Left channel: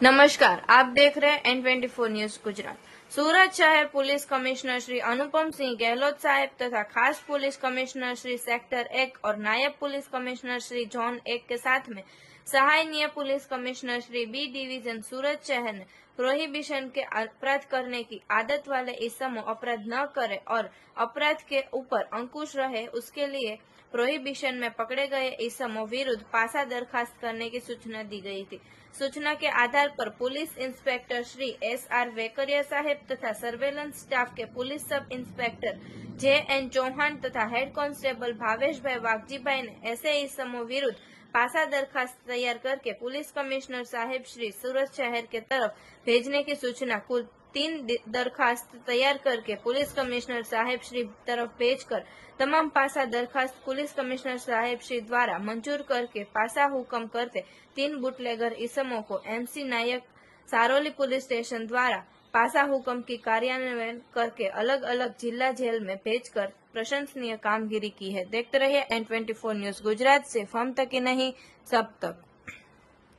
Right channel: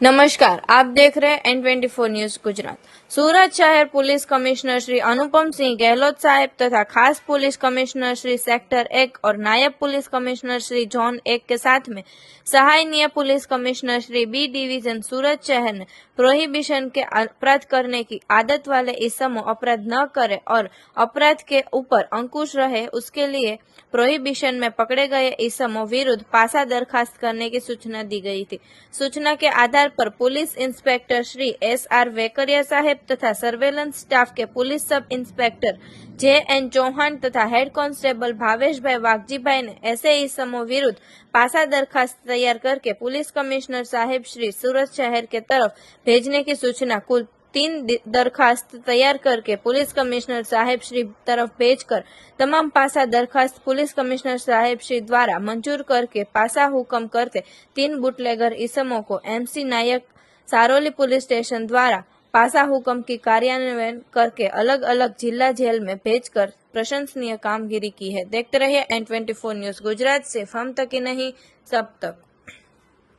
नमस्कार, आप देख रहे हैं N24 न्यूज गुजरात। सूरत शहर पुलिस कमिश्नर श्री अनुपम सिंह गहलोत साहेब तथा खास पुलिस कमिश्नर श्री सेक्टर 1 और नायब पुलिस कमिश्नर श्री जोन 1 के साथ में सहायनीय police commissioner Shri B division Surat शहर ने प्रोहिबिशन के अपराध करने की आदत वाले इसमों अपराध न करे और अपराध के ऊपर अंकुश रहे, उसके लिए प्रोहिबिशन में पकड़े गए इसमों विरुद्ध पासा दरखास्त करने की सूचना दी गई थी। सूचना के आधार पर police inspector Shri SR Vekaria साहेब तथा सर्वेलेंस स्टाफ के police sub inspector JN Chauhan तथा हेड कांस्टेबल भावेश भाई वागजीभाई ने ऐसे इसमों विरुद्ध पासा दरखास्त तैयार करके पुलिस कमिश्नर साहेब श्री सूरत शहर के तरफ भेजने की सूचना कुल 3 दरखास्त तैयार करके पुलिस कमिश्नर साहेब श्री तरफ भेजकर तमाम पासा दरखास्त पुलिस कमिश्नर साहेब श्री द्वारा मंजूर करके पासा हुक्म करते 3 बुटलेगर इसमों को MC नायक सारोली पुलिस स्टेशन द्वारा पासा हुक्म की कार्यान्वयन करके अलग अलग जिला जेल में भेजकर प्रशंसनीय कामगिरी की है। देखते रहिए N24 न्यूज गुजरात। सिर्फ हम तक ही नहीं, सब तक।